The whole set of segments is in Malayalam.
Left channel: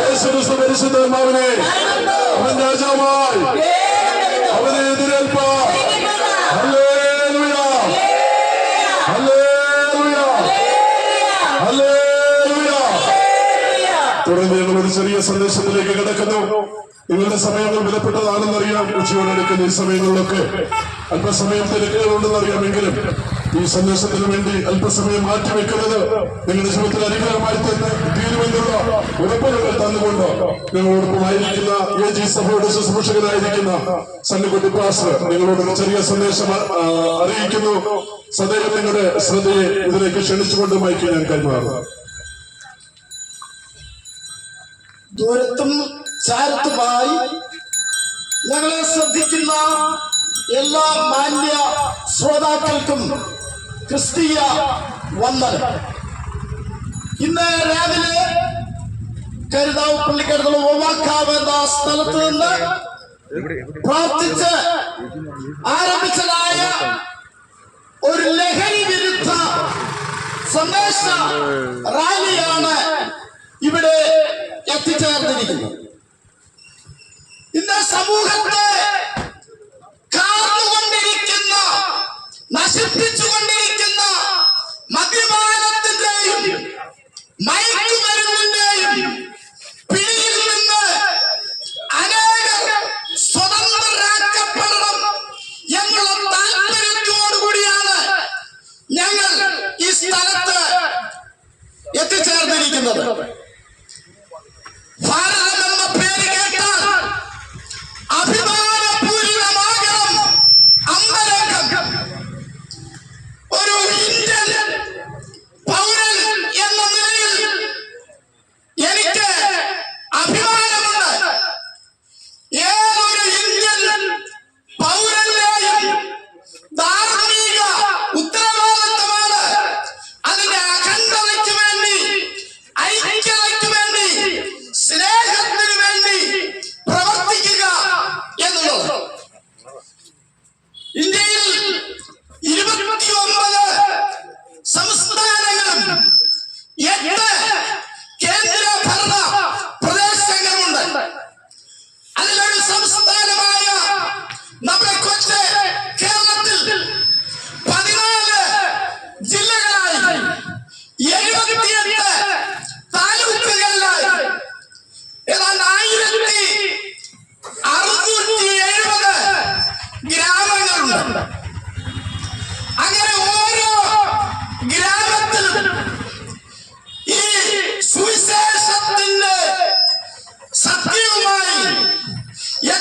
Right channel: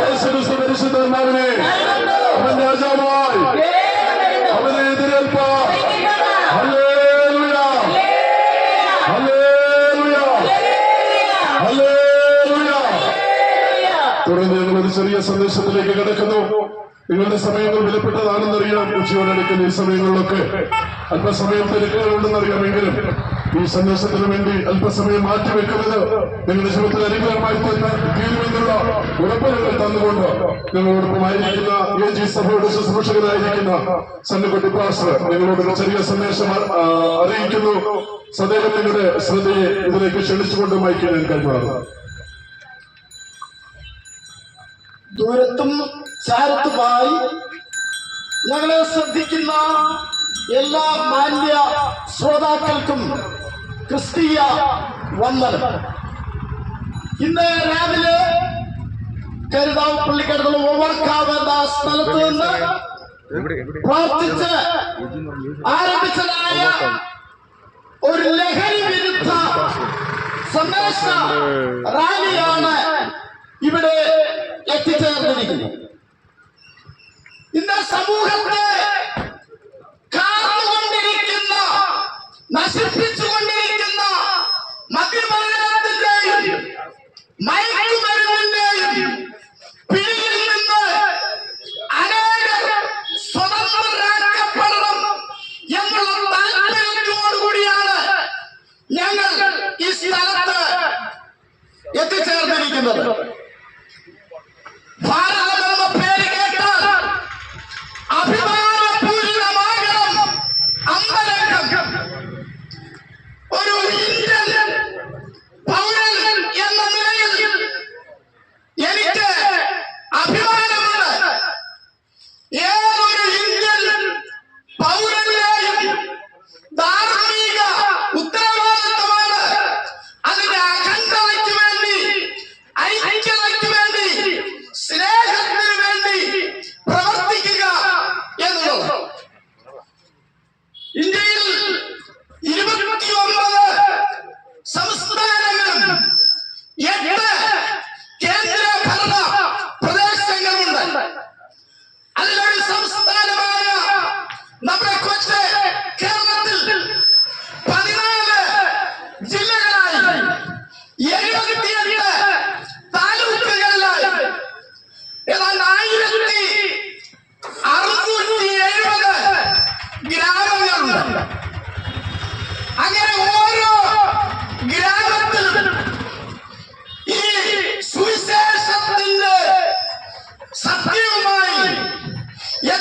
യേശുക്രിസ്തു പരിശുദ്ധാത്മാവിനെ അവൻ രാജാവായി. അവനെ എതിരേൽപ്പാൻ തുടർന്ന് ഞങ്ങൾ ഒരു ചെറിയ സന്ദേശത്തിലേക്ക് കിടക്കുന്നു. നിങ്ങളുടെ സമയങ്ങൾ വിലപ്പെട്ടതാണെന്നറിയാം. ഉച്ചയോടടുക്കുന്ന ഈ സമയങ്ങളിലൊക്കെ അല്പസമയം തിരക്കുകളുണ്ടെന്നറിയാമെങ്കിലും ഈ സന്ദേശത്തിന് വേണ്ടി അല്പസമയം മാറ്റിവെക്കുന്നത് നിങ്ങളുടെ ജീവിതത്തിൽ അനുഗ്രഹമായി തന്നെ തീരുമെന്നുള്ള ഉറപ്പുകൾ തന്നുകൊണ്ട് ഞങ്ങളോടൊപ്പമായിരിക്കുന്ന എ ജി സഭയുടെ ശുശ്രൂഷകനായിരിക്കുന്ന സന്നിക്കുട്ടി പാസ്റ്റർ നിങ്ങളോട് ഒരു ചെറിയ സന്ദേശം അറിയിക്കുന്നു. സദൈവം നിങ്ങളുടെ ശ്രദ്ധയെ ഇതിലേക്ക് ക്ഷണിച്ചുകൊണ്ട് മയക്കി ഞാൻ കൈമാറുന്നു. ദൂരത്തും ചാരത്തുമായി ഞങ്ങളെ ശ്രദ്ധിക്കുന്ന എല്ലാ മാന്യ ശ്രോതാക്കൾക്കും ക്രിസ്തീയ വന്ദനം. ഇന്ന് രാവിലെ കരുതാവ് പള്ളിക്കടുത്തുള്ള ഒവാക്കാവ് എന്ന സ്ഥലത്ത് നിന്ന് പ്രാർത്ഥിച്ച് ആരംഭിച്ചതായ ഒരു ലഹരി വിരുദ്ധ സന്ദേശ റാലിയാണ് ഇവിടെ എത്തിച്ചേർന്നിരിക്കുന്നത്. ഇന്ന് സമൂഹത്തെ കാർന്നുകൊണ്ടിരിക്കുന്ന നശിപ്പിച്ചുകൊണ്ടിരിക്കുന്ന മദ്യപാനത്തിന്റെയും മയക്കുമരുന്നിന്റെയും Billion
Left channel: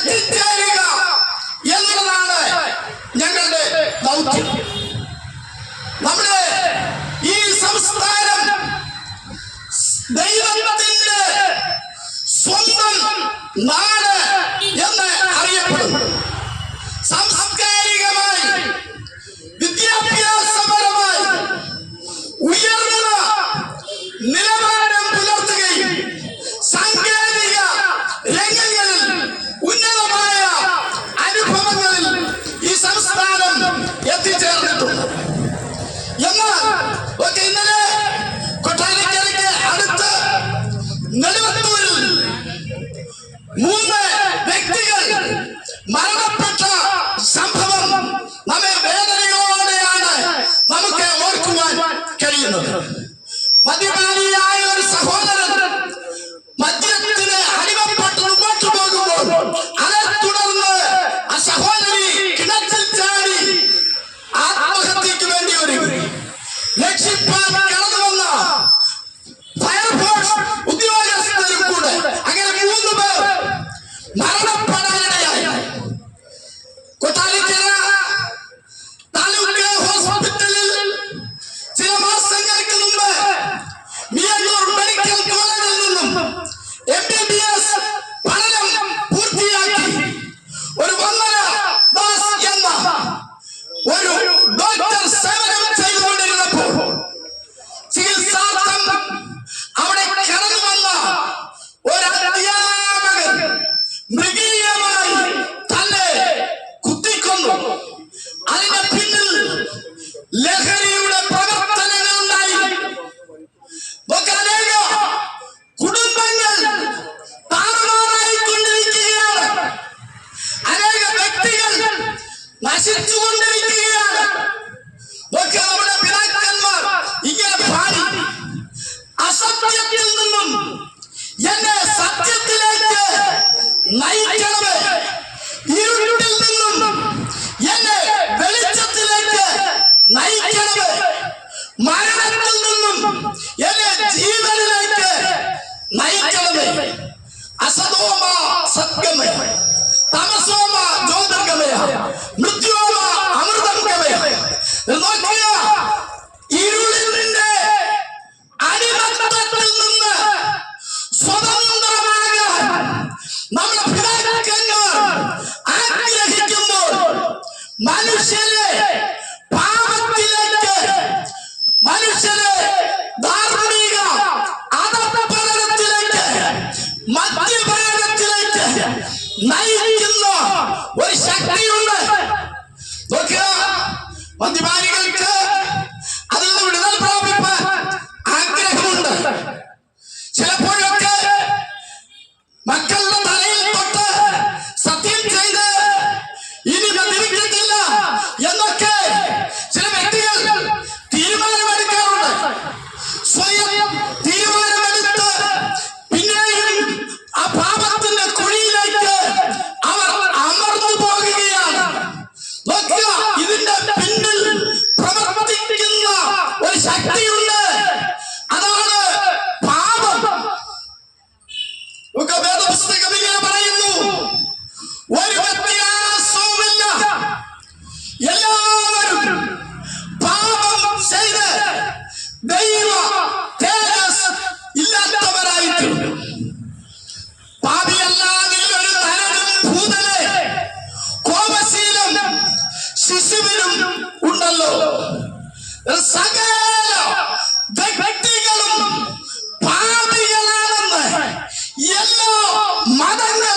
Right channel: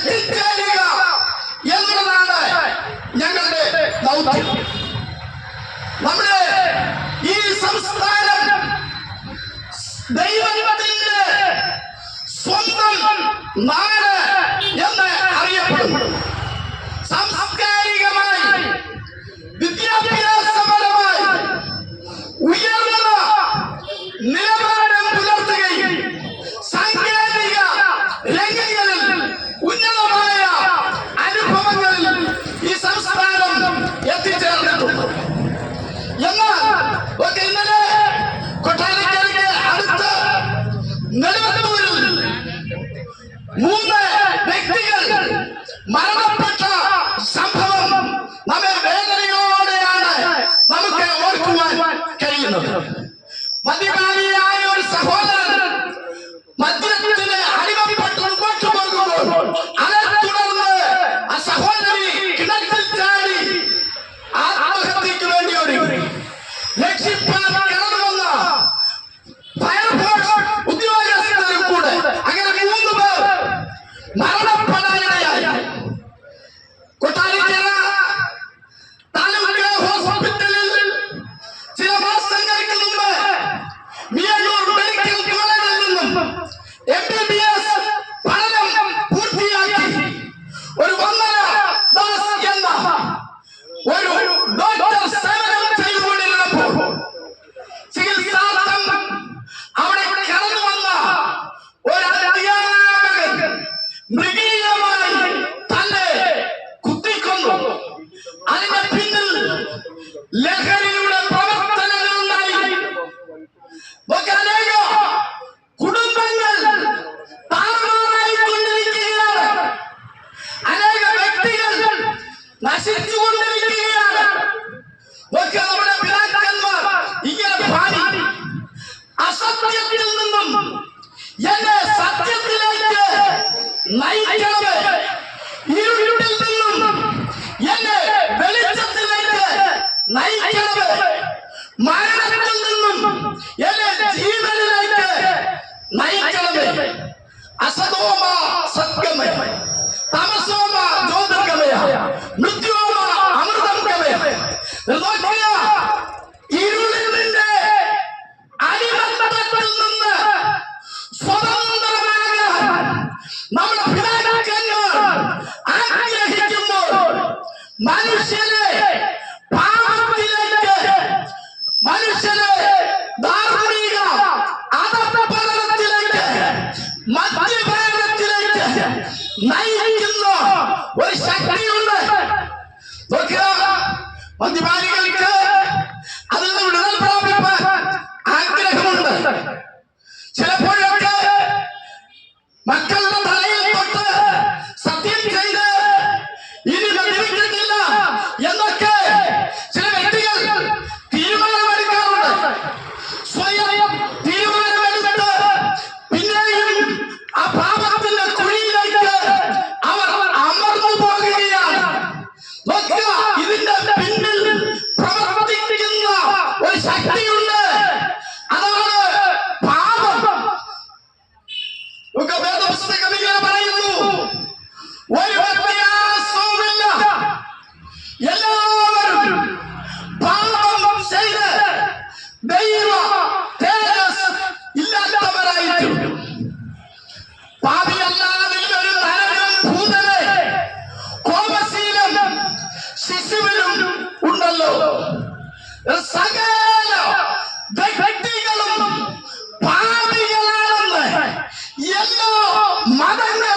എത്തിച്ചേരുക എന്നുള്ളതാണ് ഞങ്ങളുടെ ദൗത്യം. നമ്മുടെ ഈ സംസ്ഥാനം ദൈവത്തിന്റെ സ്വന്തം നാട് നശിച്ചുകൊണ്ടിരിക്കുകയാണ് ഒക്കെ നമ്മുടെ പിതാക്കന്മാർ ഇങ്ങനെ പാടി. അസത്യത്തിൽ നിന്നും എന്നെ സത്യത്തിലേക്ക് നയിക്കണമേ. ഇരുട്ടിൽ നിന്നും എന്നെ വെളിച്ചത്തിലേക്ക് നയിക്കണമേ. മരണത്തിൽ നിന്നും എന്നെ ജീവനിലേക്ക് നയിക്കണമേ. അസതോമ സത്യമേ. തമസോമ ജ്യോതിർഗമയ. ಒಂದು ಬಾರಿ സകല വ്യക്തികളും പാപികളാണെന്ന് എല്ലാ മതങ്ങളും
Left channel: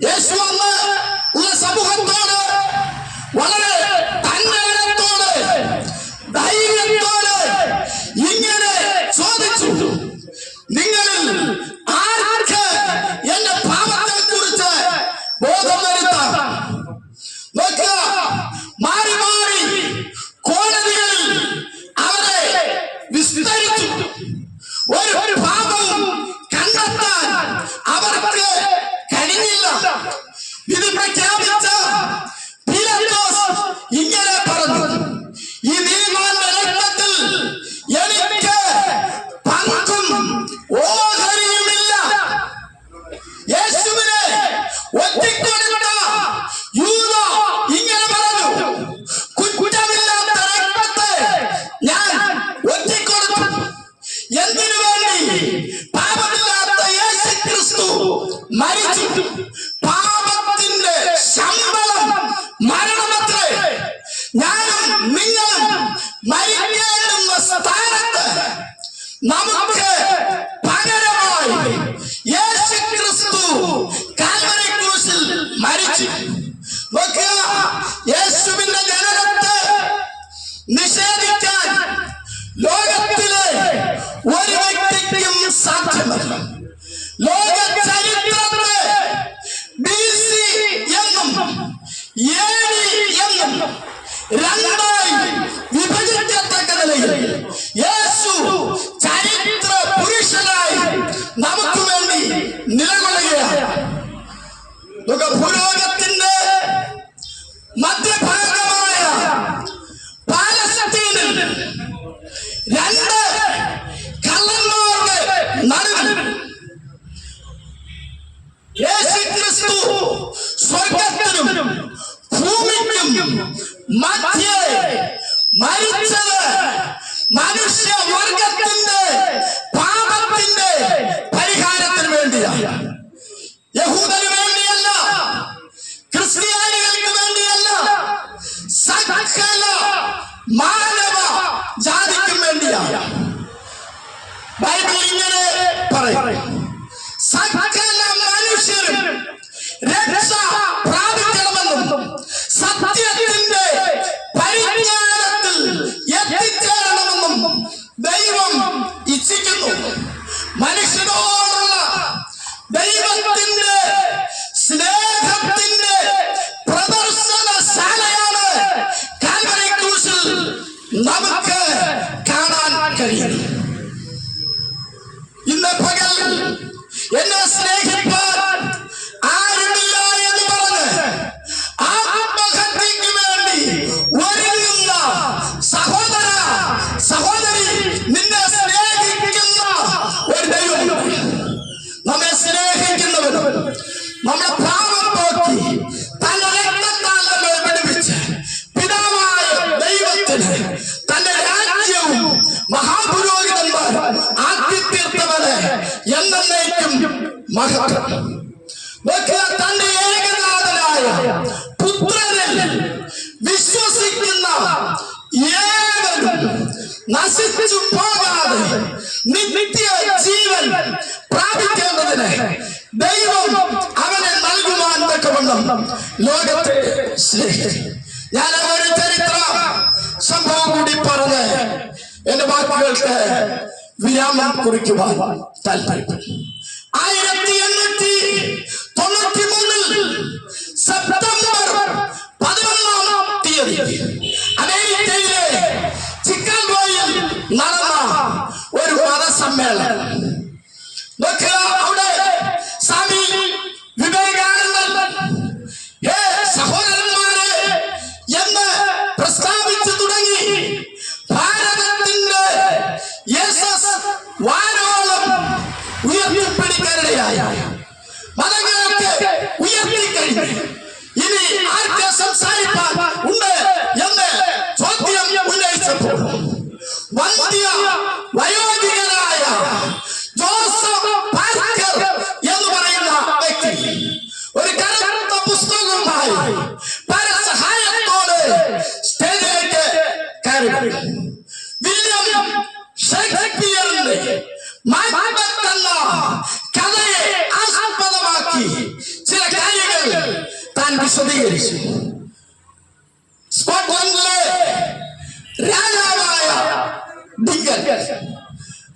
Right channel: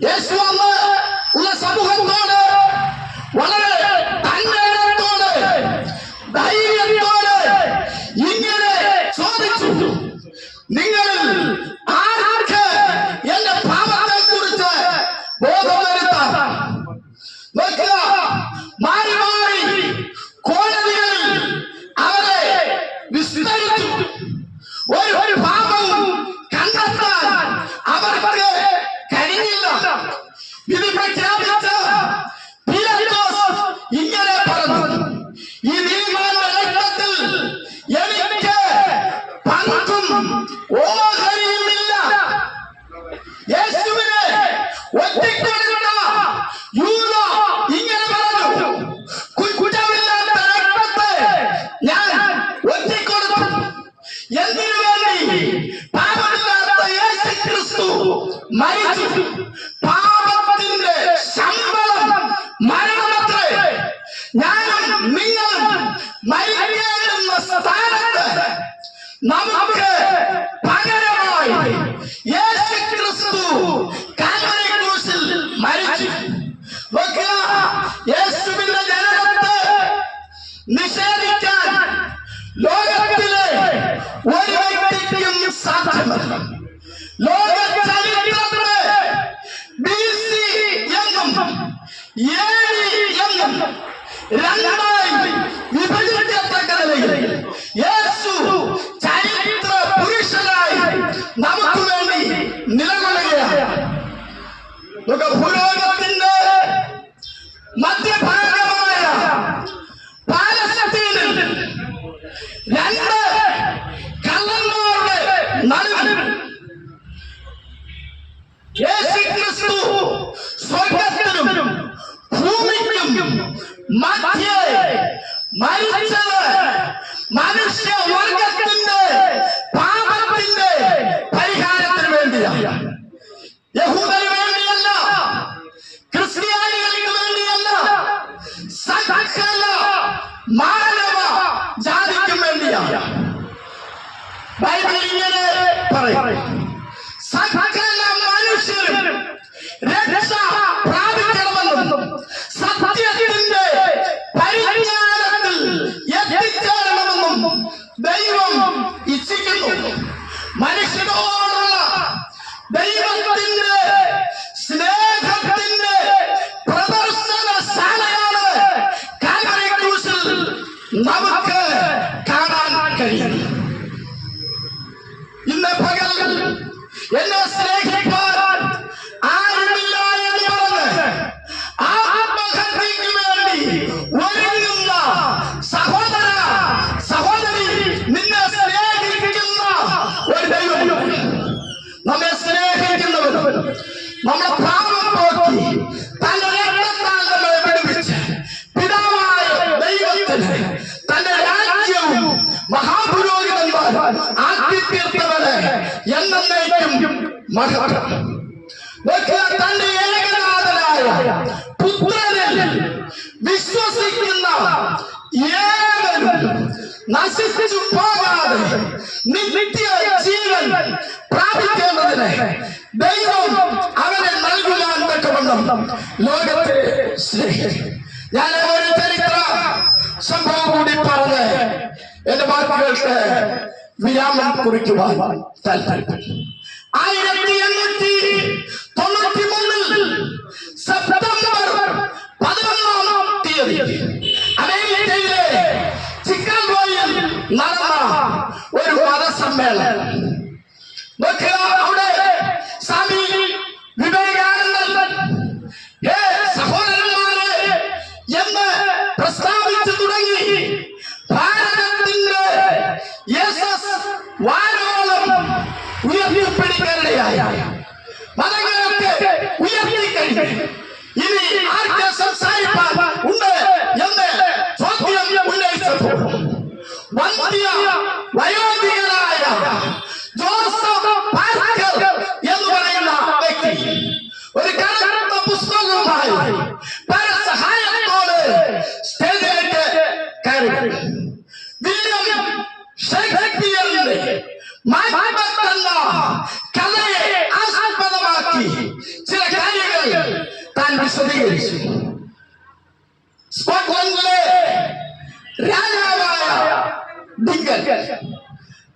Ya Allah, Allah sabu hantar. didn't break 10? മനസ്സിലാക്കണം ലോക ചരിത്രത്തെ ബി സി എന്നും എ എന്നും രണ്ട് മധ്യേ മരിച്ചത് മനുഷ്യ വർഗത്തിന്റെ പാപത്തിന്റെ പരിഹാരത്തിന് വേണ്ടിയാണ്. യഹൂദന് വേണ്ടിയല്ല ക്രിസ്ത്യാനികൾക്ക് വേണ്ടിയല്ല സകല മാനവ ജാതിക്കും വേണ്ടിയാണ്. ബൈബിൾ ഇങ്ങനെ പറയും. സകല നമ്മളെ പാപം പോക്കി തന്റെ രക്തത്താൽ നമ്മെ വിടുവിച്ച് പിതാവായ ദൈവത്തിന് തന്റെ രാജ്യവും മഹാപുരോഹിതന്മാർ ആക്കി തീർത്തവന് എന്നേക്കും മഹത്വം തന്റെ ഏകനാഥനായ പുത്രനിൽ വിശ്വസിക്കുന്ന ഏവനും നശിച്ചു പോകാതെ നിത്യ ജീവൻ പ്രാപിക്കേണ്ടതിന് ദൈവം തക്കവണ്ണം ലോകത്തെ ഞാൻ ഒരു ചരിത്ര സംഭവം കൂടി പറഞ്ഞ് എന്റെ വാക്കുകൾക്ക് വിരാമം കുറിക്കുവാൻ താല്പര്യപ്പെട്ടു. ആയിരത്തി എണ്ണൂറ്റി തൊണ്ണൂറ്റി മൂന്നിൽ സെപ്റ്റംബർ പതിനൊന്നാം തീയതി അമേരിക്കയിലെ ചിക്കാഗോയിൽ നടന്ന ഒരു മതസമ്മേളനം.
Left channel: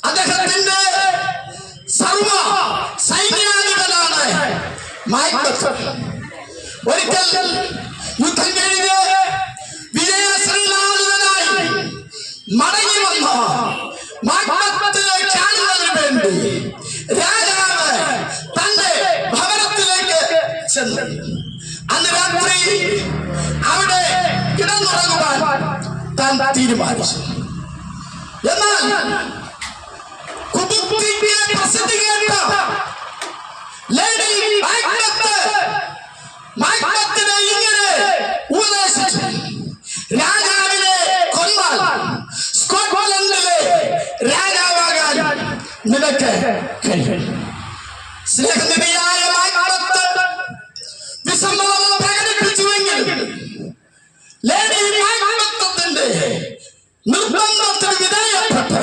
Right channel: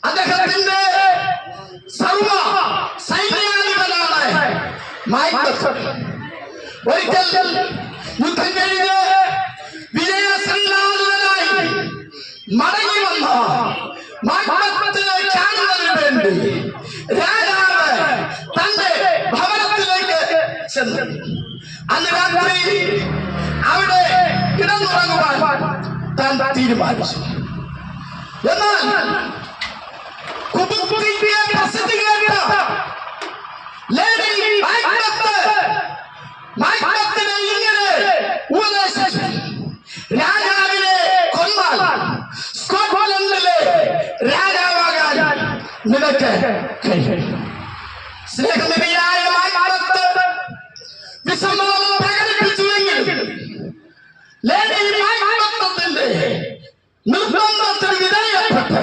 അദ്ദേഹത്തിന്റെ സർവ സൈന്യാധിപനാണ് ഒരിക്കൽ യുദ്ധം കഴിഞ്ഞ് വിജയശ്രീലാളിതനായി മടങ്ങി വന്ന മാക്ബത്തിനെ കാണുന്നതിന് വേണ്ടി രാജാവ് തന്റെ ഭവനത്തിലേക്ക് ചെന്നു. അന്ന് രാത്രി അവിടെ കിടന്നുറങ്ങുവാൻ താൻ തീരുമാനിച്ചു. എന്നാൽ കുബുക്കിന്റെ പ്രസിദ്ധി കേട്ട ലേഡി മാക്ബത്ത് മാക്ബത്തിനെ ഇങ്ങനെ ഉപദേശിച്ചു രാജാവിനെ കൊന്നാൽ സ്കോട്ട്ലൻഡിലെ രാജാവാകാൻ നിനക്ക് കഴിയും സ്നേഹനിധിയായ ನಿರ್ಬಂಧ ವಿಧೇಯಕ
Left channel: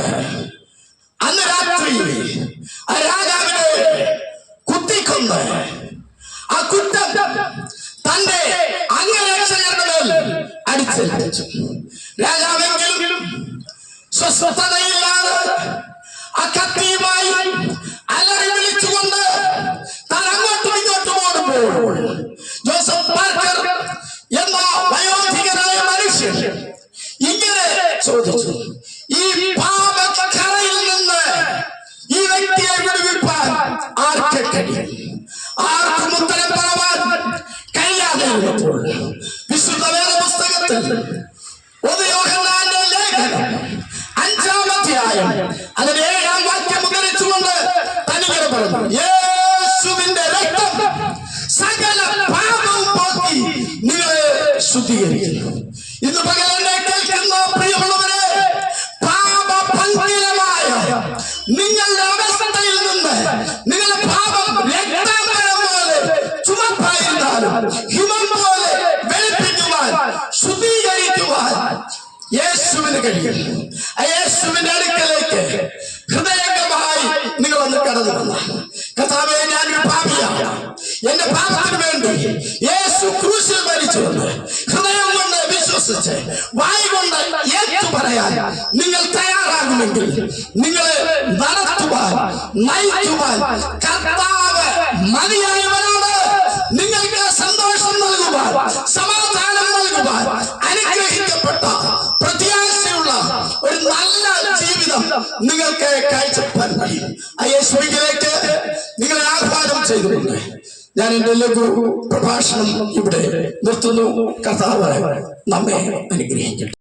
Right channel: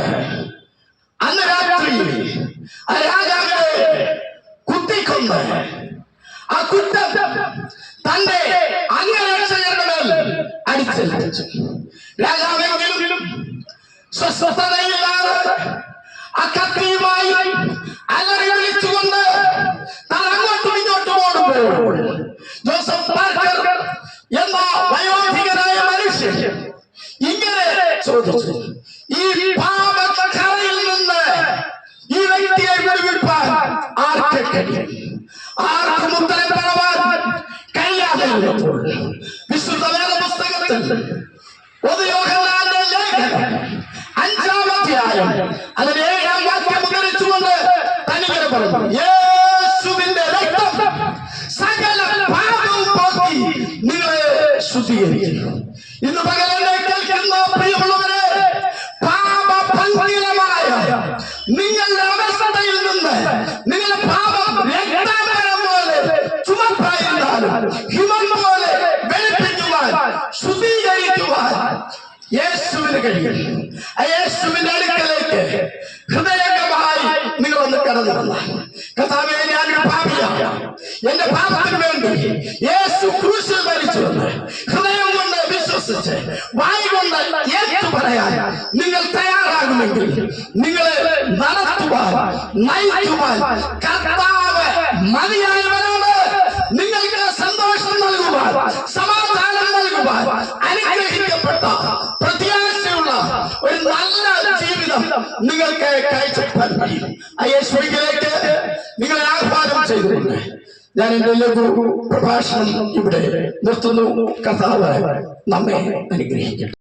നിങ്ങളുടെ അവസ്ഥയിൽ നിന്ന് നിങ്ങളുടെ പാപം രക്തമരം പോലെ ചുമപ്പായിരുന്നാലും ഹിമം പോലെ വെളുപ്പിക്കുവാൻ ശുദ്ധീകരിക്കുവാൻ യേശുവിന് കഴിയും. യേശുവിന്റെ അടുക്കലേക്ക് ഹൃദയംഗമായി നിങ്ങൾ ഒന്ന് കടന്നു വന്ന. കഥാവെ ഞാനൊരു പാപിയാണ്. എന്റെ പാപത്തിന് വേണ്ടി യേശു ക്രൂശിൽ മരിച്ചു ഹൃദയം കൊണ്ട് വിശ്വസിച്ച് വായി കൊണ്ട് ഏറ്റു പറയാൻ നിങ്ങൾ തയ്യാറാകുമെങ്കിൽ നിങ്ങളെ നടത്തുവാൻ നയിക്കുവാൻ കർത്താവ് മതിയായവനാണ്. നിങ്ങൾക്ക് സന്തോഷം നൽകുവാൻ സമാധാനം നൽകുവാൻ അനുഗ്രഹിക്കപ്പെട്ട പ്രത്യാശയുള്ള ഒരു നല്ല ജീവിതം നിങ്ങൾക്ക് കാഴ്ചപ്പാൻ കഴിയും ആ യേശുവിലേക്ക് നിങ്ങളെ ആഹ്വാനം ചെയ്തിട്ടുണ്ട് ഞാൻ എന്റെ ലഘു പ്രഭാഷണം ഇവിടെ നിർത്തുന്നു. കർത്താവ് നമ്മെ അനുഗ്രഹിക്കട്ടെ.